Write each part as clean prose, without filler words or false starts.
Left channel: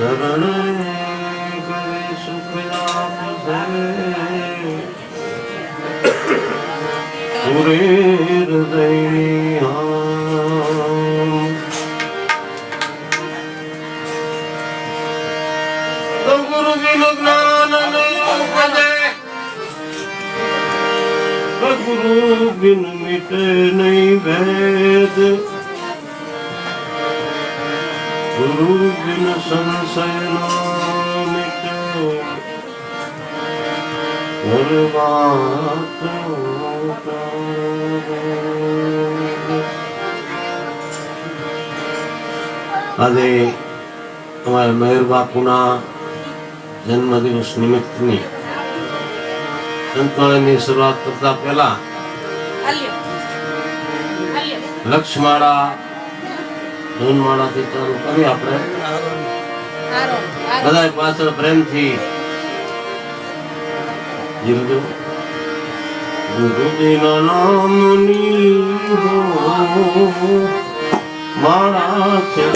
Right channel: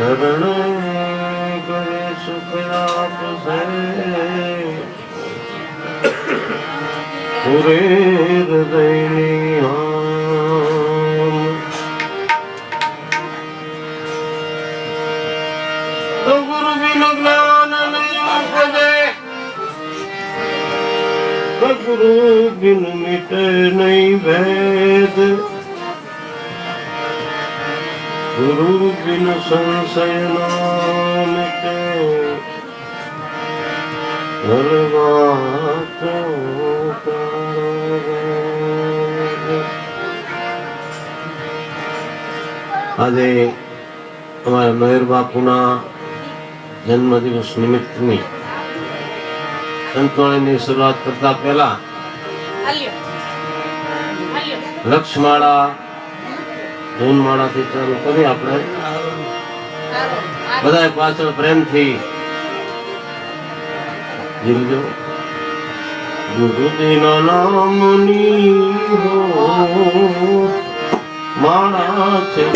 શરણ કરે સુખ આપશે પૂરે હૃદયની તો ગુરુ બિન જ્ઞાન નહીં ઉપજે ગુરુ બિન મિટે નહીં ભેદ ગુરુ બિન સંશય ના મિટે આજે અમારા મયુર બાપુના જન્મદિવસ નિમિત્તની સંતવાણીની શરૂઆત કરતા પહેલા લક્ષમાળા ધૂનમાળાથી ચાલુ કરી આપણે બધા પાછળ પ્રેમથી જીવજો. ગુરુજીના નામની માળા છે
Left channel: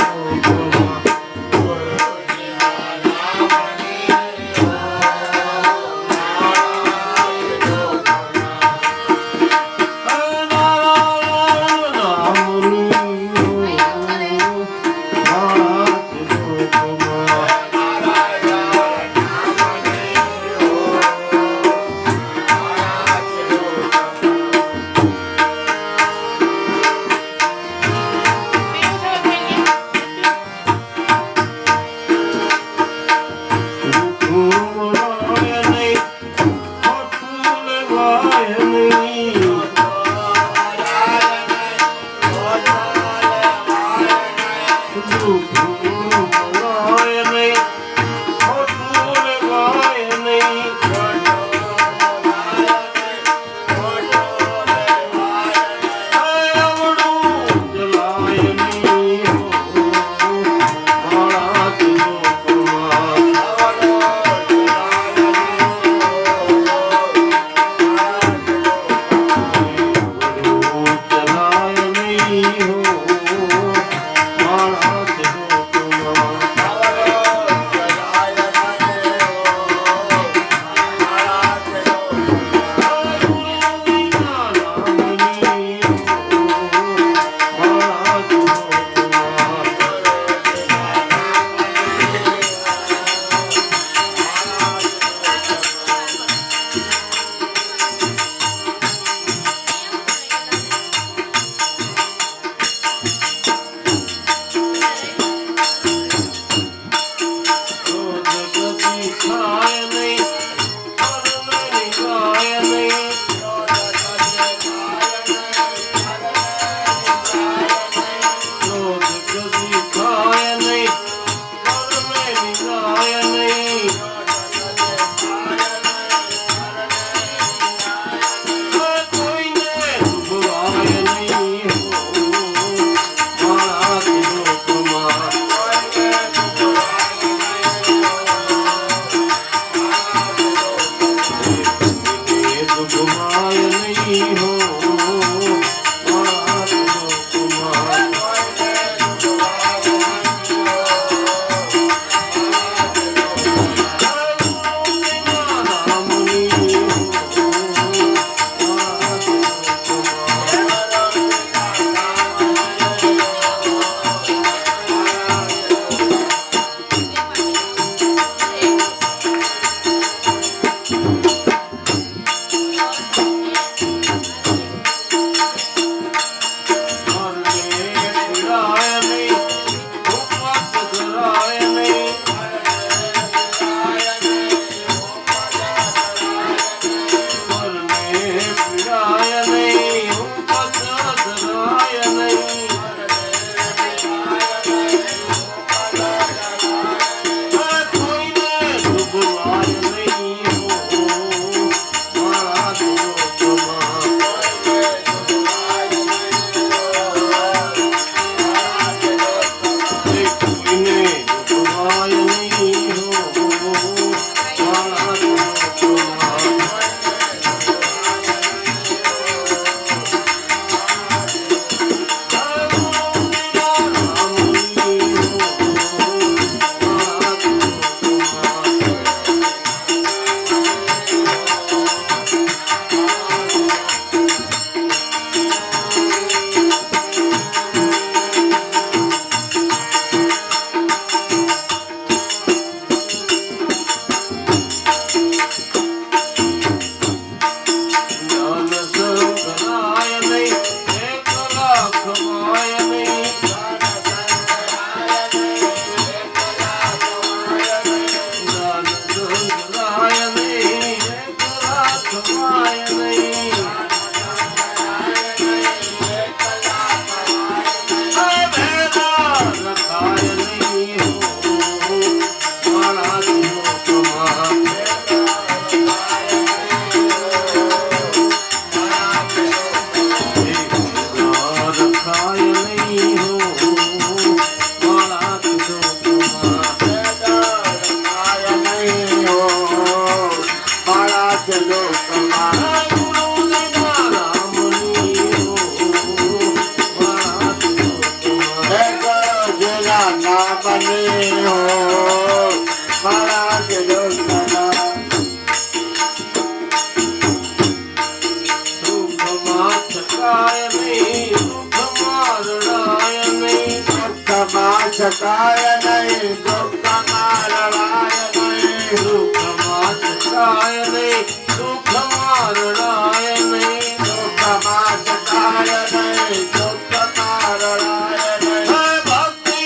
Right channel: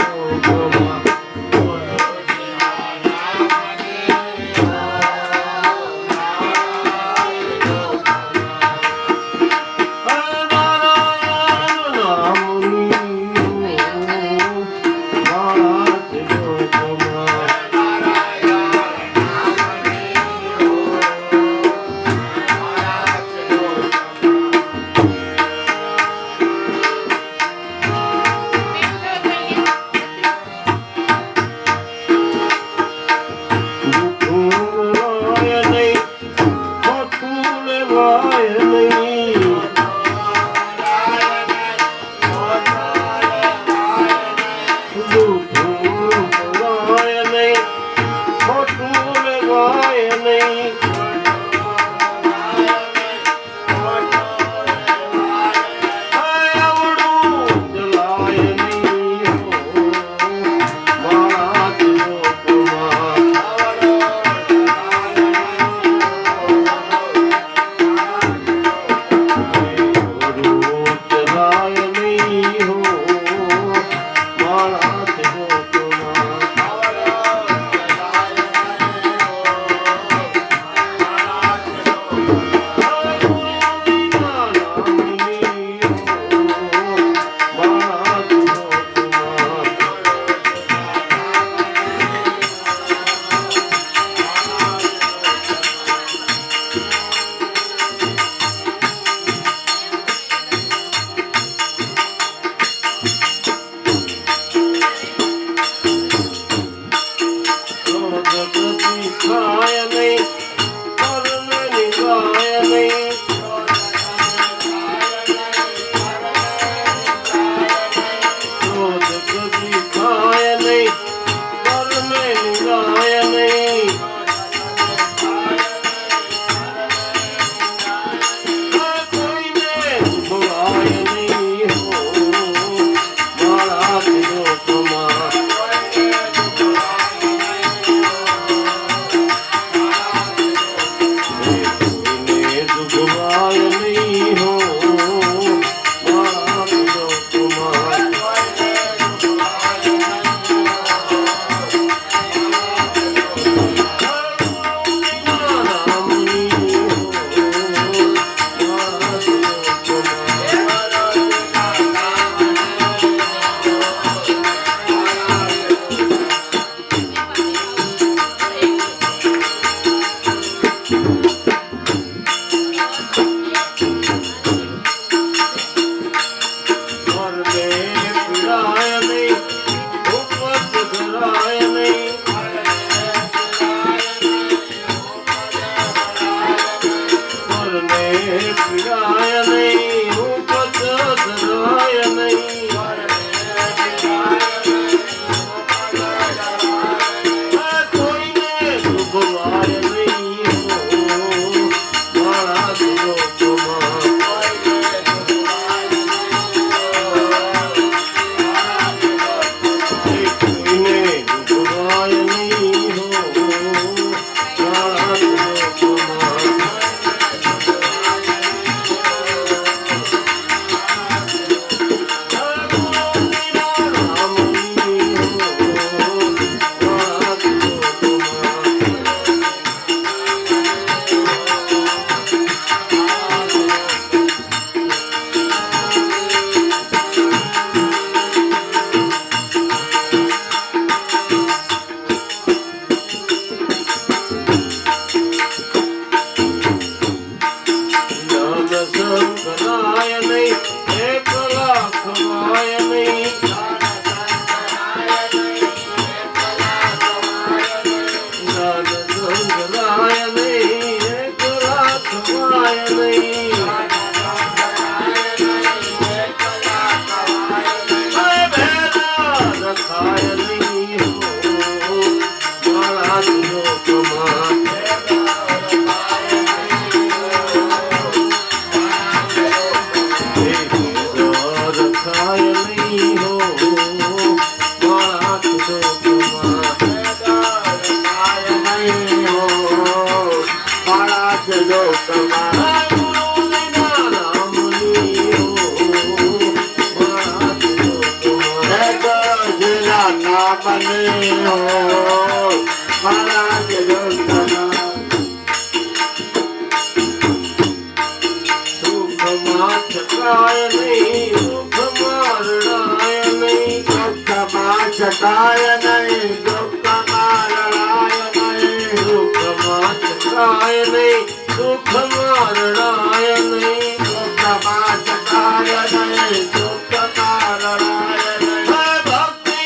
છકાય નહીં દુઃખમાં રડાય નહીં દુઃખમાં છકાય નહીં દુઃખમાં રડાય નહીં દુઃખમાં છકાય નહીં દુઃખમાં રડાય નહીં ભક્તિ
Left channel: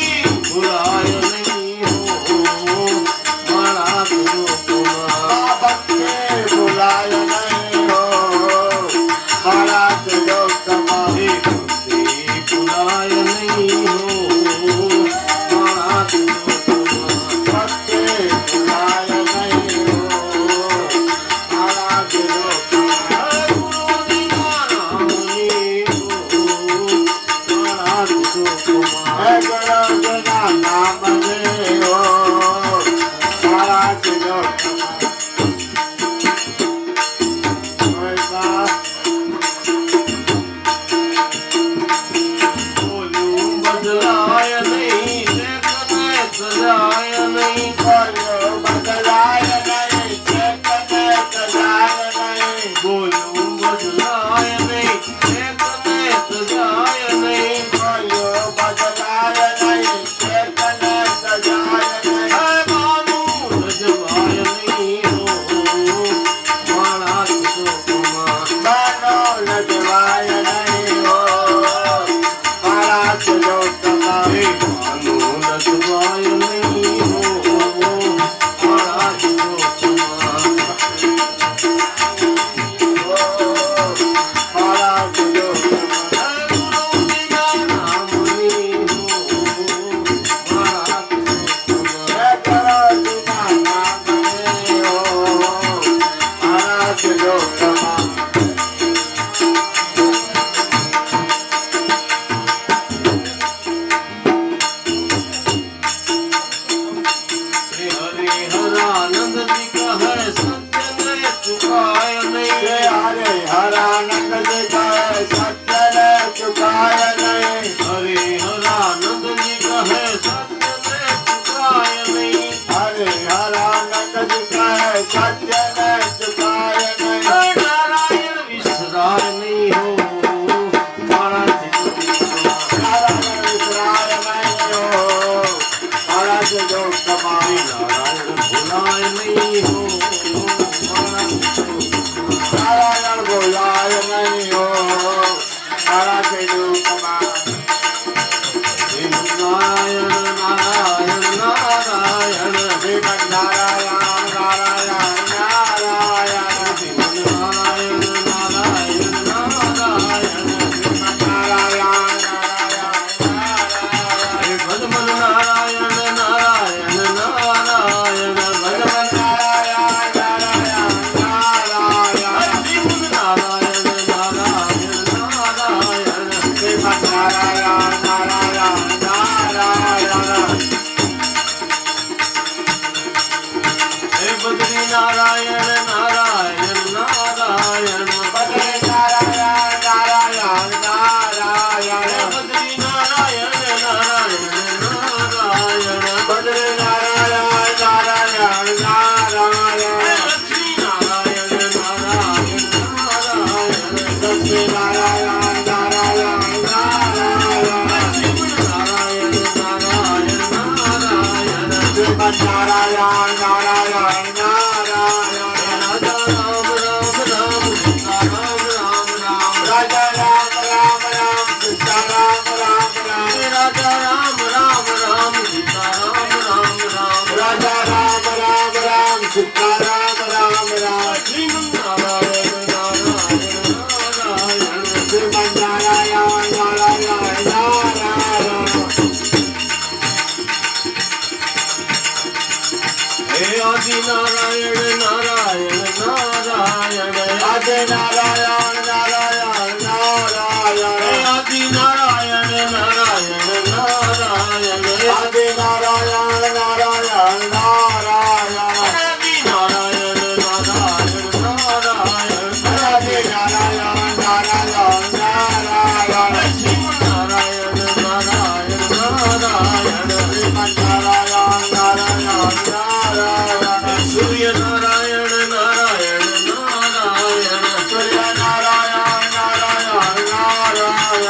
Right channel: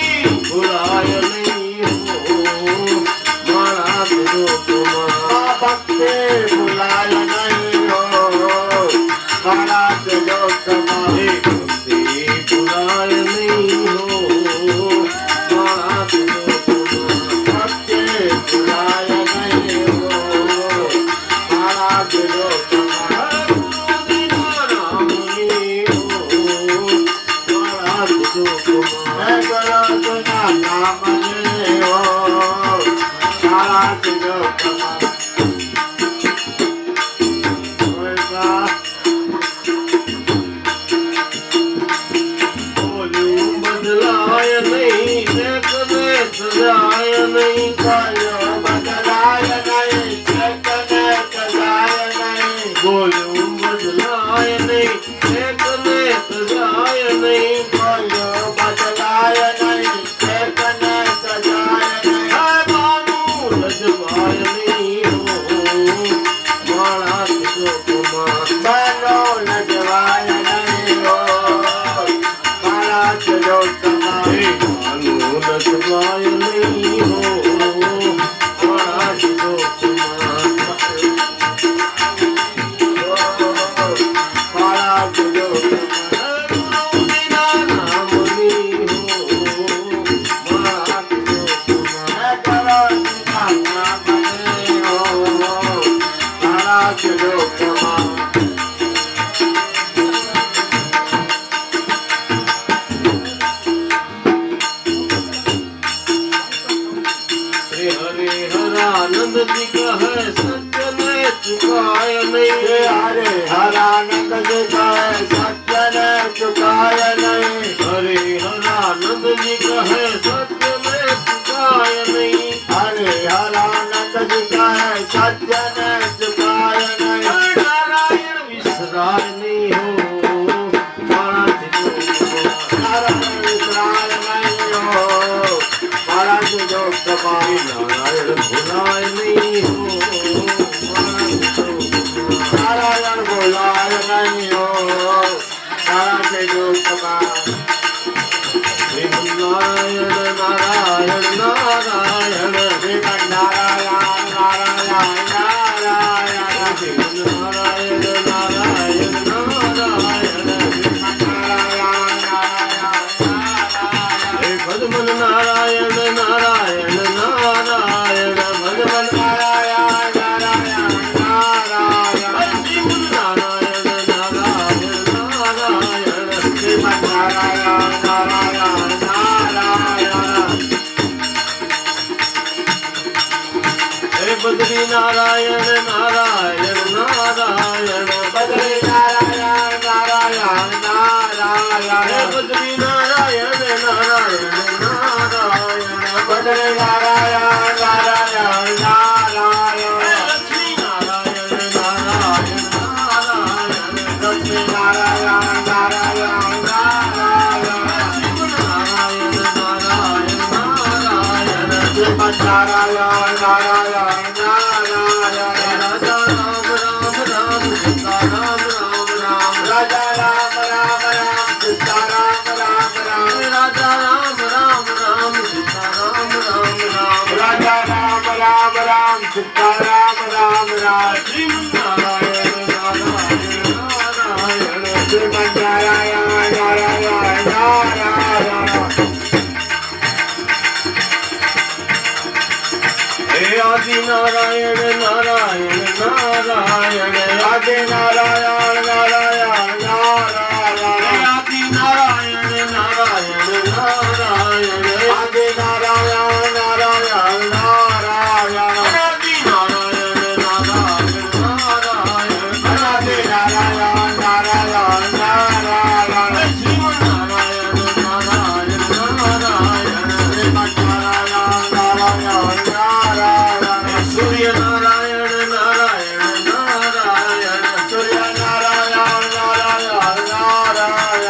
ભૂલાય નહીં હો મારા દુઃખમાં ભક્તિ ભૂલાય નહીં હો મારા દુઃખમાં ભક્તિ ભૂલાય નહીં હો મારા દુઃખમાં ભક્તિ ભૂલાય નહીં હો મારા દુઃખમાં હે ગોરધના નામને હો મારા દુઃખમાં બદલાય નહીં સજાય નહીં બદલાય નહીં સજાય નહીં બોલ્યું બદલાય નહીં એકને સજાય નહીં બદલાય નહીં એકને સજાય નહીં બાનું લજવાય નહીં હો મારા દુઃખમાં બાનો લજવાય નહીં હો મારા દુઃખમાં બાનું લજવાય નહીં હો મારા દુઃખમાં મારા દુઃખમાં ગુરુજીના નામની હો મારા દુઃખમાં श्री हरे हरानंद जी का है सज्जन चुकाय नहीं हरे हरानंद जी कहे सत्य चुकाय नहीं हरे हरानंद जी का है सज्जन चुकाय नहीं हरे हरानंद जी कहे सत्य चुकाय नहीं नारायण विसराय नहीं हो मारा नारायण विसराय नहीं हो मारा जो कमाई नारायण भुलाय नहीं हो नारायण बोलाय नहीं हो मारा जो कमाई नारायण नारायण नारायण नारायण नारायण नारायण नारायण नारायण हे भगवान नारायण नारायण नारायण भगवान जीवन नारायण नारायण नारायण हे बद्री नारायण नारायण नारायण बद्री हे बद्री नारायण नारायण नारायण बद्री लक्ष्मी नारायण नारायण नारायण लक्ष्मी नारायण नारायण नारायण राजा राम राम राम सीता राम राम राम राजा राम राम राम सीता राम राम सीताराम राम राम श्रीमन्नारायण नारायण नारायण श्रीमन्नारायण नारायण नारायण हे आदि नारायण नारायण नारायण आदि नारायण नारायण नारायण आदि नारायण नारायण नारायण आदि नारायण नारायण नारायण आदि नारायण नारायण नारायण आदि नारायण नारायण नारायण श्रीमन्नारायण नारायण नारायण श्रीमन्नारायण नारायण नारायण सूर्य नारायण नारायण नारायण सूर्य नारायण नारायण नारायण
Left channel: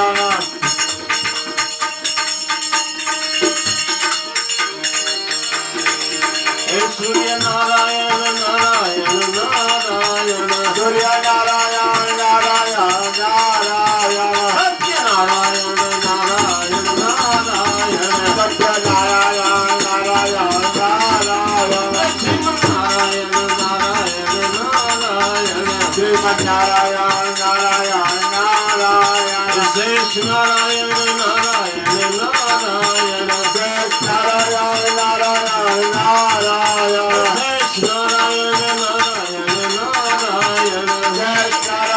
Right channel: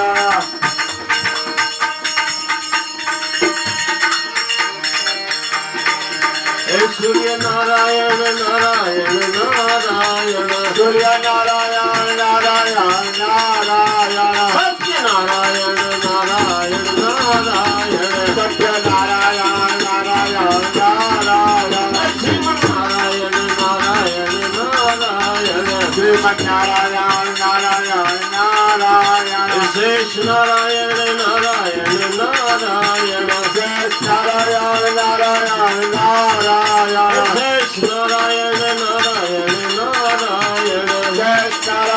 हे सूर्य नारायण नारायण नारायण सूर्य नारायण नारायण नारायण सत्य नारायण नारायण नारायण सत्यनारायण नारायण नारायण श्रीमन्नारायण नारायण नारायण श्रीमन्नारायण नारायण नारायण शेष नारायण नारायण नारायण शेष नारायण नारायण नारायण शेष नारायण नारायण नारायण शेष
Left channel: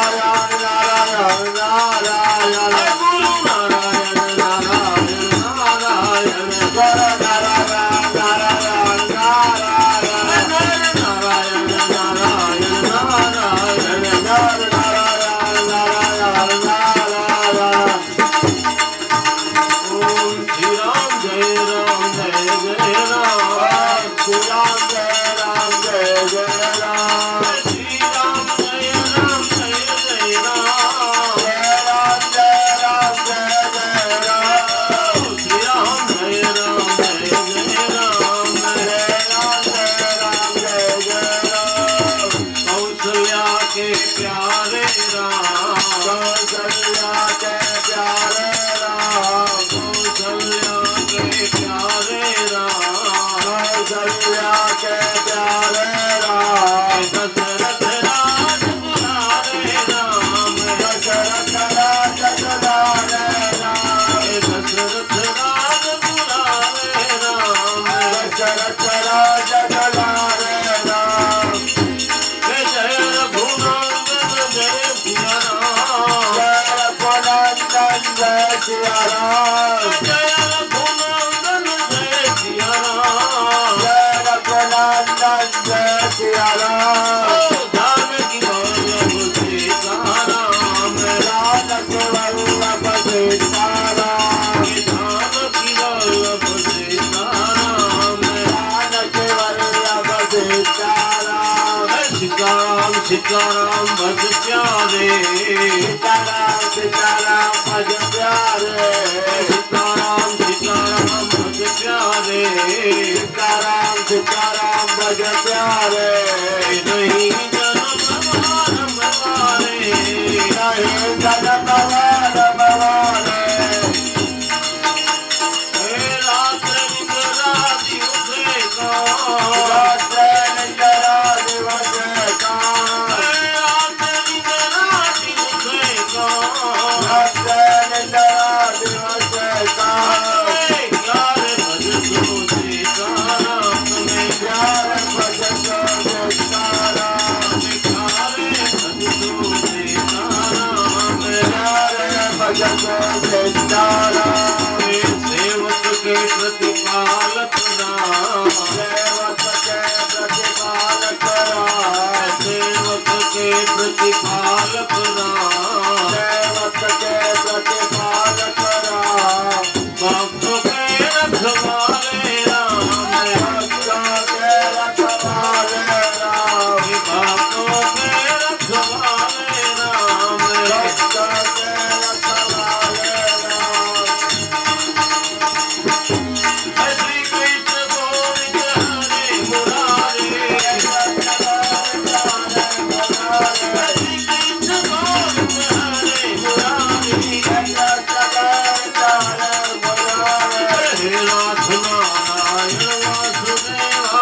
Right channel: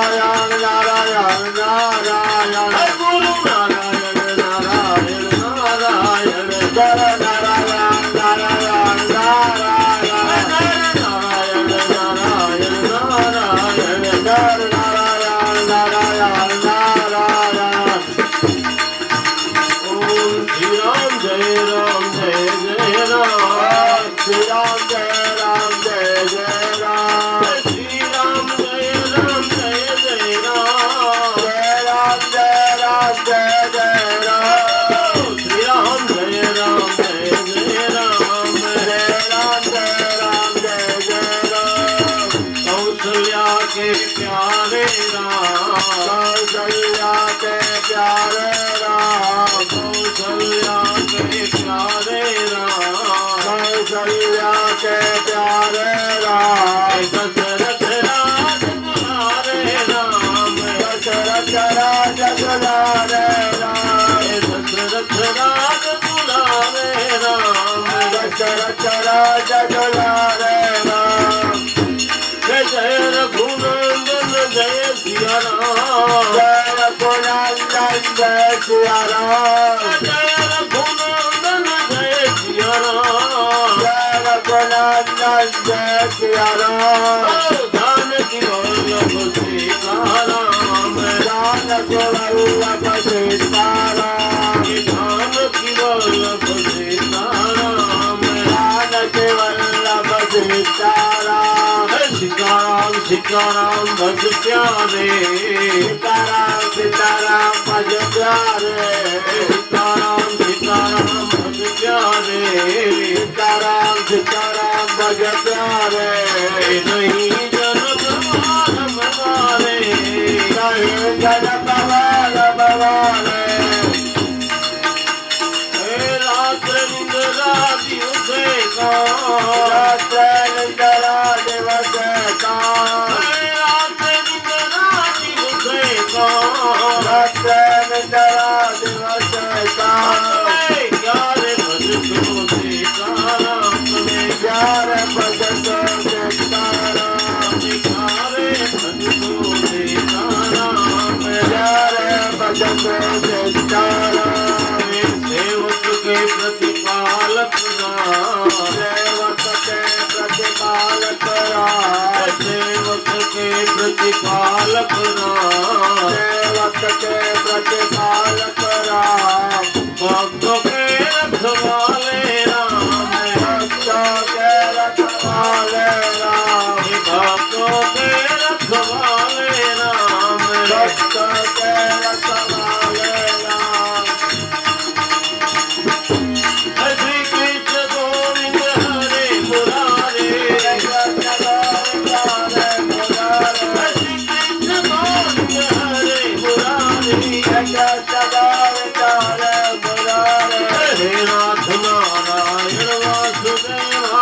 नारायण नारायण नारायण गुरु नारायण नारायण नारायण गुरु नारायण नारायण नारायण नारायण नारायण नारायण गुरु नारायण नारायण नारायण ओम श्री राम जय राम जय जय राम श्री राम जय राम जय जय राम श्री राम जय राम जय जय राम जय राम जय राम जय जय राम श्री राम जय राम जय जय राम जय राम जय राम जय जय राम कौशल्या के प्यारे राम कौशल्या के प्यारे राम कौशल्या के प्यारे राम कौशल्या के प्यारे राम दशरथ राज दुलारे राम दशरथ राज दुलारे राम दशरथ राज दुलारे राम दशरथ राज दुलारे राम जय जय रघुनंदन जय सिया राम जय रघुनंदन जय सिया राम जय रघुनंदन जय सिया राम जय रघुनंदन जय सिया राम जानकी वल्लभ सीताराम जानकी वल्लभ सीताराम जानकी वल्लभ सीताराम जानकी वल्लभ सीताराम सीताराम सीताराम भज प्यारे सीताराम सीताराम भज प्यारे सीताराम सीताराम भज प्यारे सीताराम सीताराम भज प्यारे नहीं जनम मानव वाले नहीं जनम वाल भवाने हे रात निद्रा दिवसे का रात्र निद्रा दिवस का हे रात निद्रा दिवसे का रात्र निद्रा दिवस का ग्यारह भज तो सीताराम तुम्हें प्यार भजत सीताराम दिखारे भज तो सीताराम प्यार भजत सीताराम सेवक के प्रतिपालक राम सेवक के प्रतिपालक राम सेवक के प्रतिपालक राम सेवक के प्रतिपालक राम भक्त के रखवाले राम भक्तों के रखवाले राम भक्तों के रखवाले राम भक्तों के रखवाले राम श्री कृष्ण गोविंद हरे मुरारे श्री कृष्ण गोविंद हरे मुरारे हे नाथ नारायण वासुदेवा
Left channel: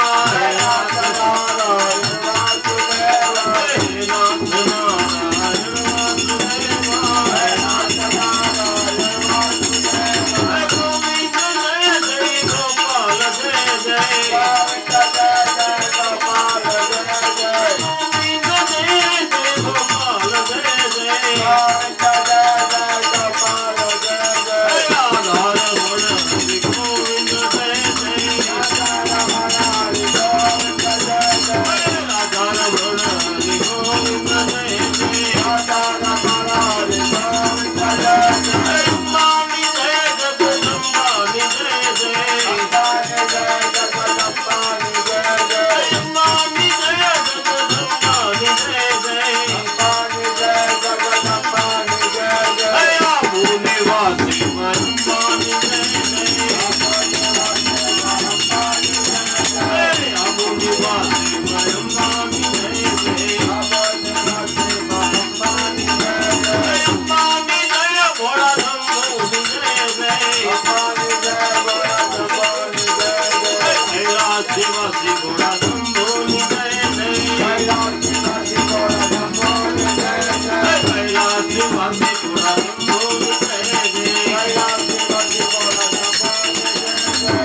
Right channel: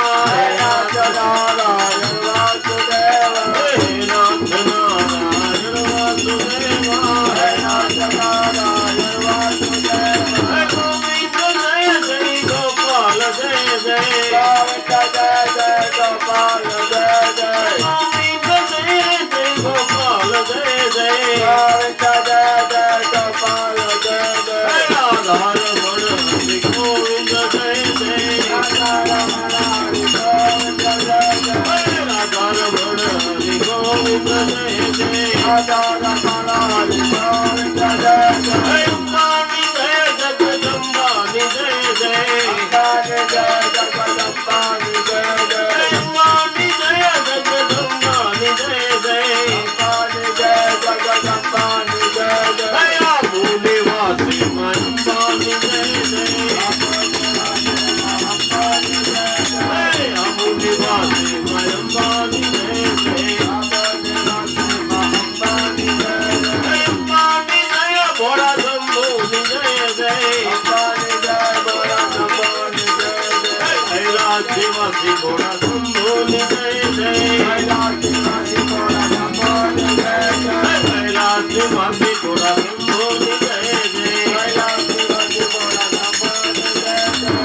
ભોળા શંભુની જય જય કૈલાસમાંથી ભોળા શંભુની જય જય કૈલાસમાંથી ભોળા શંભુની જય જય કૈલાસમાંથી ભોળા શંભુની જય જય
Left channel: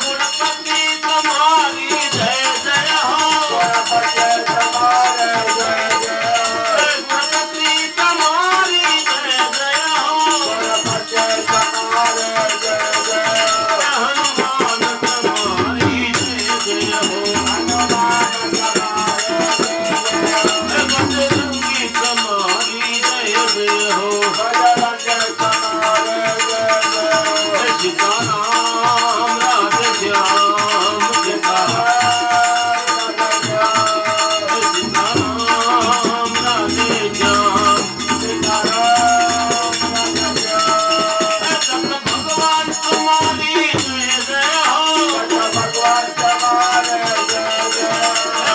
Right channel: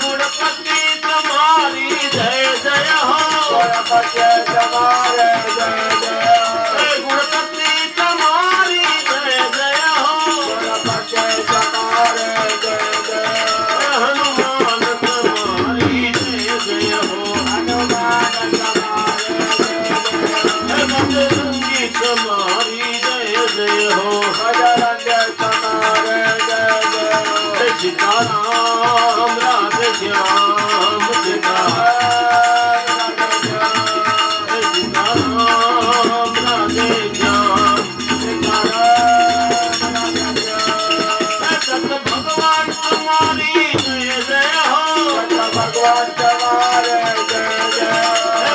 ગણપતિ તમારી જય જય હો ગણપતિ તમારે જય જય ગણપતિ તમારી જય જય હો ગણપતિ તમારે જય જય હનુમાન તમારી જય જય હો બજરંગી તમારી જય જય હો સીતારામ રાધે શ્યામ સીતારામ રાધે શ્યામ દત્ત ભગવાન તમારી જય જય હો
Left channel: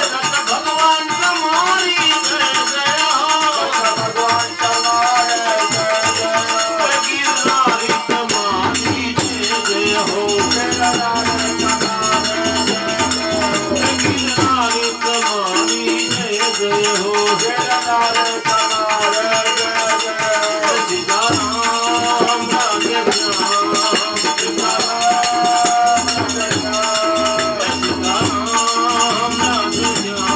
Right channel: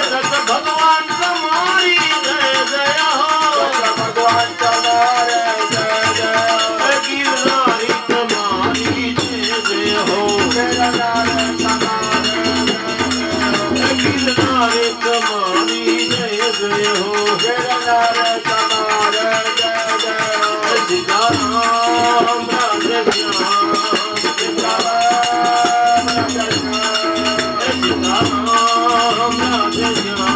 દત્ત ભગવાન તમારી જય જય હો ગિરનારી તમારી જય જય હો ગિરનારી તમારી જય જય હો સીતારામ રાધે શ્યામ સીતારામ રાધે શ્યામ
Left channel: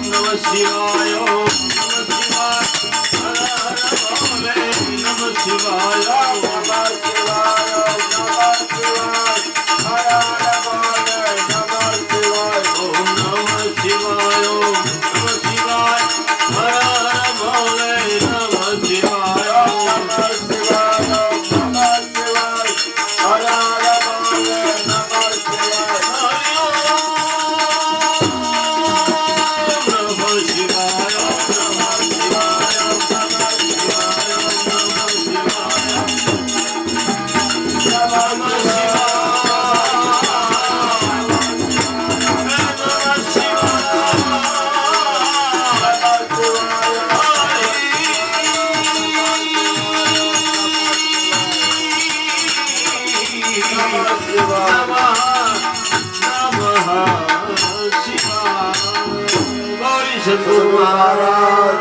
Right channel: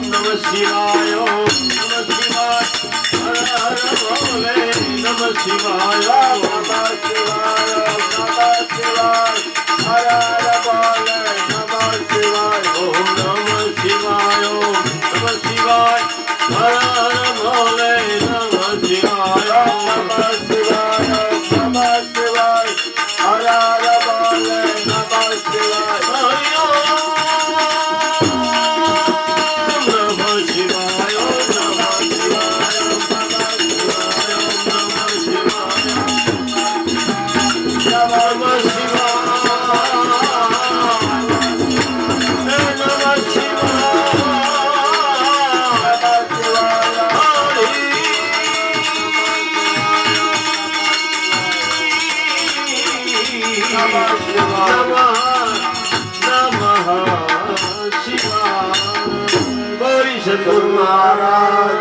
નમઃ શિવાય નમઃ શિવાય હર હર ભોલે નમઃ શિવાય ઓમ નમઃ શિવાય નમઃ શિવાય હર હર ભોલે નમઃ શિવાય હરિ ઓમ નમઃ શિવાય નમઃ શિવાય નમઃ શિવાય નમઃ મહારાજ